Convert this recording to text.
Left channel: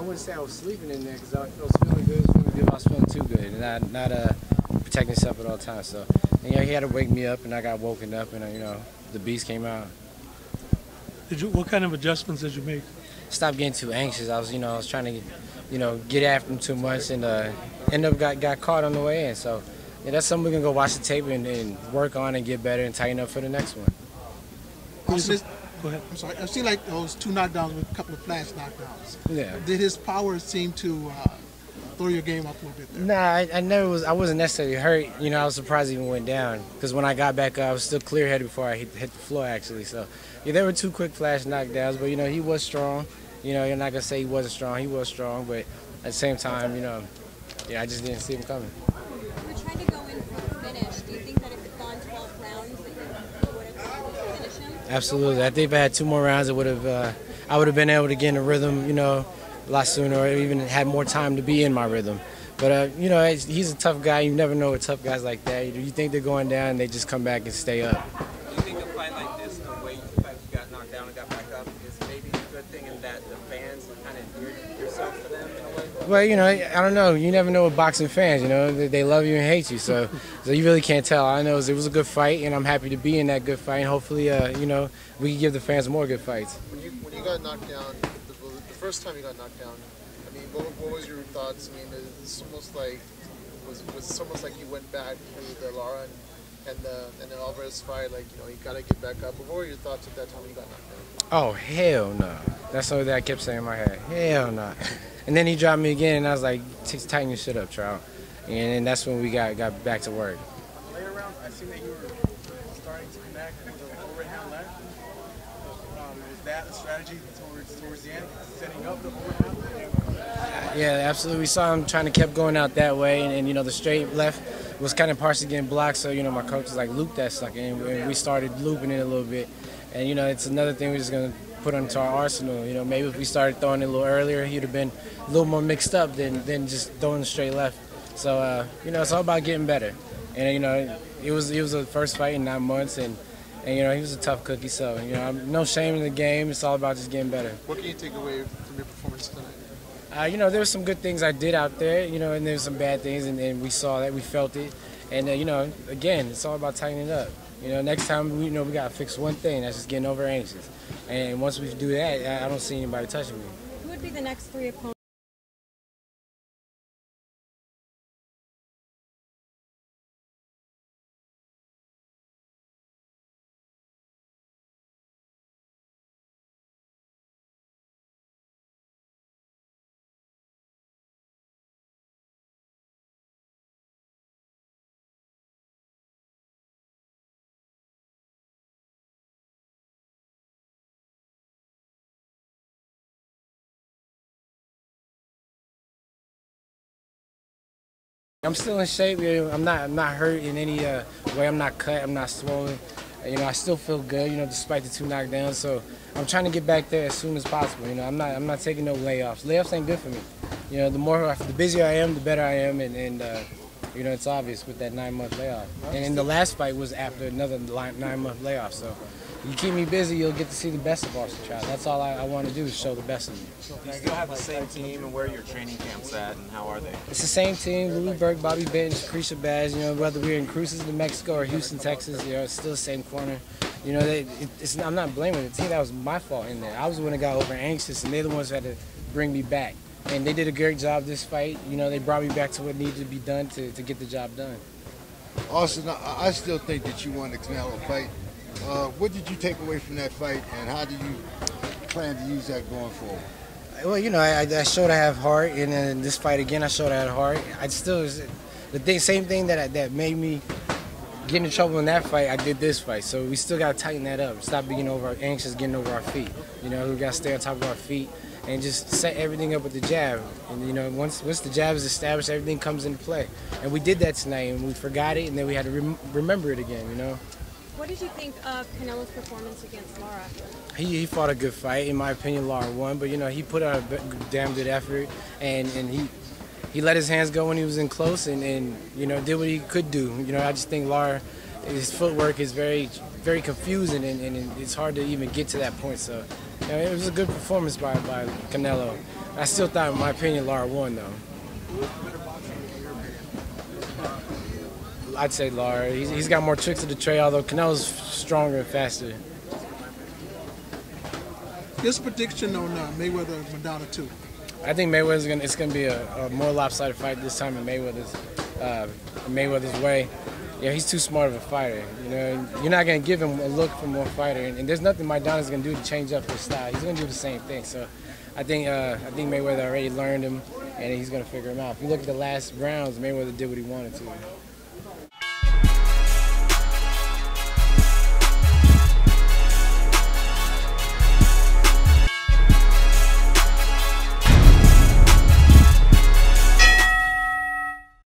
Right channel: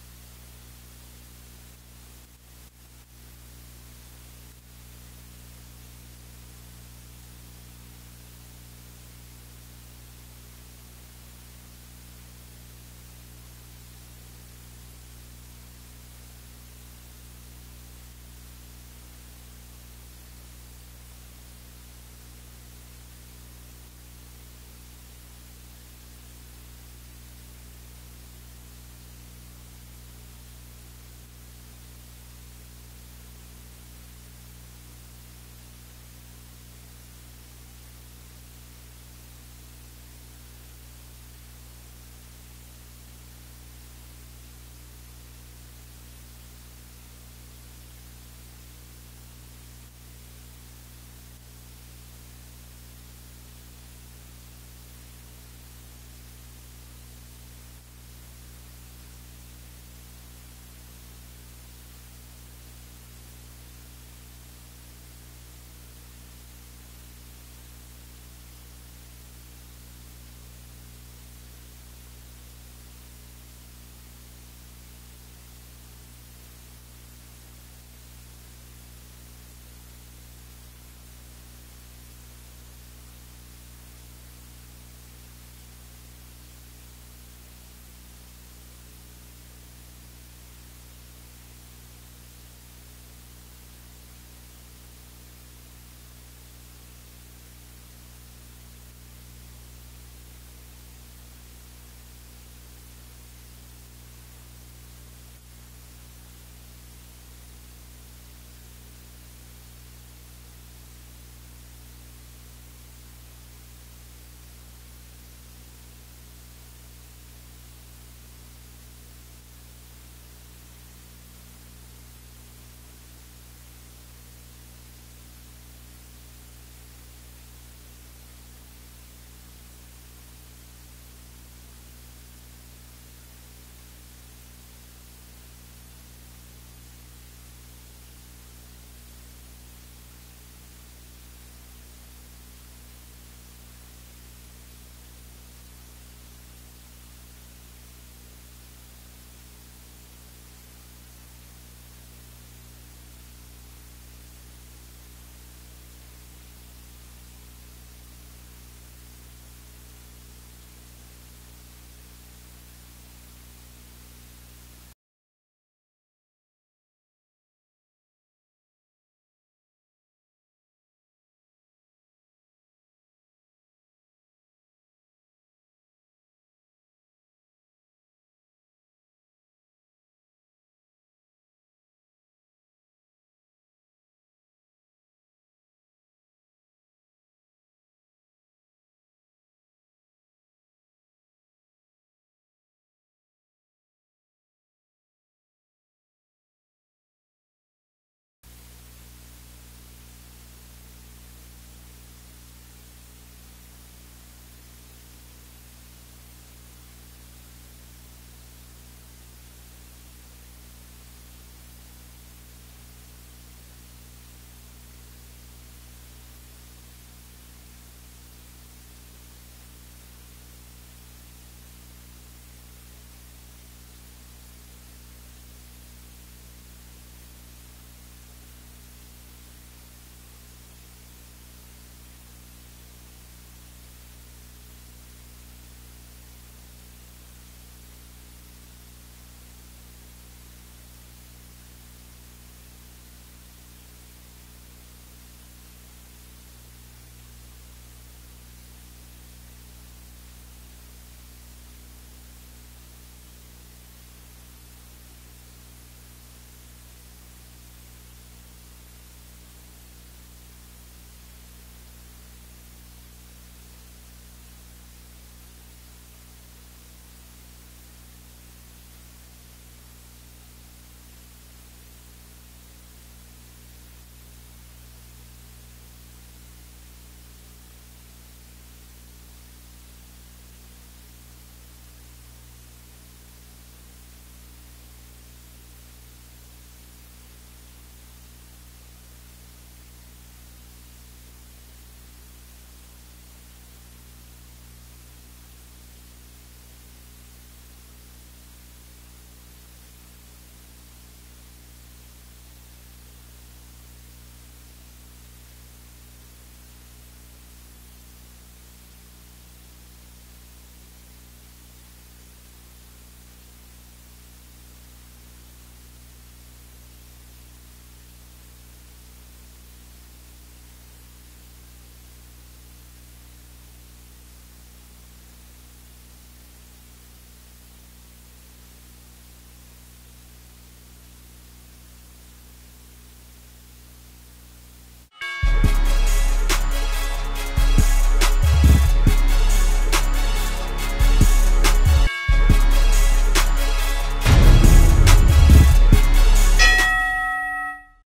I wouldn't say I was sleeping in there because I was feeling good. I was feeling too good, and not protecting myself at all times. So, and, he had to wake me up, and I got woken up, and the beast came out. What kind of adjustments did you make? Stopped getting too anxious. I was trying to get after him too much, and ended up got caught on the way in. So, yeah, that's something we can go watch the tape and work on and get better and tighten up for the next one. Go ahead. I'm sorry. I see like those 2 knockdowns with a couple of flash knockdowns. Yeah. Did his power seem to throw your game up a little bit there? Nah, I wasn't necessarily hurt. I was surprised he even went down because when I got back up, I was still clear-headed before I hit the floor actually. So, yeah, there were 2 quick flash knockdowns, but he was strong. You're not gonna say he wasn't strong. He was strong, but at the same time, I just didn't see him coming. You're trying to go in for a finish. Do you think that if it's gone 12 rounds, that you would have been able to finish him? Absolutely. I think if I had 2 more rounds, I would have been able to get in a rhythm, a lot sooner, or even had more time to be in my rhythm. But he's a tough guy. You never know with tough guys like that. You think they're going down, and they just come back and stay up. Do you think a fight like this, the way you got knocked down and got back up, is maybe a good thing in that the fans kind of endeared yourself to them in a way? Well, I don't know. You never know with boxing fans. They love you and hate you. So you really can't tell. All I know is it was a good fight, and I'm happy to be in that good fight. And hopefully, we can give the fans more good fights. When you got knocked down, the first time you got knocked down, I mean, what was your thoughts? I mean, it's almost like was almost like you went back to the Lara and the Alvarez fight. Like you gotta get back up. But what were your thoughts at that time when you got knocked down? Oh hell no! That's something that I kept saying in my head. Hell no! And then he dropped me again, and I was like, tighten your shit up, Trout. And that's when we got back to work. Later rounds, I seen that you were starting to connect with an overhand left. Is that a strategy towards the end, setting up the overhand? Yeah, absolutely. We saw him trying to keep going out that way, and the straight left was kind of partially getting blocked. So my coach was like, loop that sucker, and we started looping it a little bit. And it's another thing we're just gonna put onto our arsenal. Maybe if we started throwing it a little earlier, he'd have been a little more mixed up than just throwing the straight left. So it's all about getting better. And it was the first fight in 9 months, and he was a tough cookie. So no shame in the game. It's all about just getting better. What can you take away from your performance tonight? There were some good things I did out there, and there were some bad things, and we saw that, we felt it. And, again, it's all about tightening it up. Next time, we got to fix one thing, that's just getting over anxious. And once we do that, I don't see anybody touching me. Who would be the next 3 opponents? I'm still in shape. I'm not hurt in any way. I'm not cut. I'm not swollen. I still feel good. Despite the 2 knockdowns. So I'm trying to get back there as soon as possible. I'm not taking no layoffs. Layoffs ain't good for me. The busier I am, the better I am, and it's obvious with that 9-month layoff. And the last fight was after another 9-month layoff. So you keep me busy, you'll get to see the best of Austin Trout. That's all I want to do is show the best of me. Do you still have the same team, and where are your training camps at, and how are they? It's the same team: Louis Burke, Bobby Bench, Carisha Baz. Whether we're in Cruces, New Mexico, or Houston, Texas, it's still the same corner. I'm not blaming the team. That was my fault in there. I was the one that got over anxious, and they're the ones who had to bring me back. And they did a great job this fight. They brought me back to what needed to be done to get the job done. Austin, I still think that you won the Canelo fight. What did you take away from that fight, and how do you plan to use that going forward? Well, I showed I have heart, and then this fight again, I showed I had heart. Same thing that made me get into trouble in that fight, I did this fight. So we still got to tighten that up. Stop being anxious, getting over our feet. We got to stay on top of our feet and just set everything up with the jab. And once the jab is established, everything comes into play. And we did that tonight, and we forgot it, and then we had to remember it again. What did you think of Canelo's performance against Lara? He fought a good fight. In my opinion, Lara won, but he put out a damn good effort, and he let his hands go when he was in close, and did what he could do. I just think Lara, his footwork is very, very confusing, and it's hard to even get to that point. So it was a good performance by Canelo. I still thought, in my opinion, Lara won though. I'd say Lara. He's got more tricks of the trade, although Canelo's stronger and faster. His prediction on Mayweather Madonna 2. I think it's gonna be a more lopsided fight this time in Mayweather's way. Yeah, he's too smart of a fighter. You know, you're not gonna give him a look from one fighter, and there's nothing Maidana's gonna do to change up his style. He's gonna do the same thing. So, I think Mayweather already learned him, and he's gonna figure him out. If you look at the last rounds, Mayweather did what he wanted to.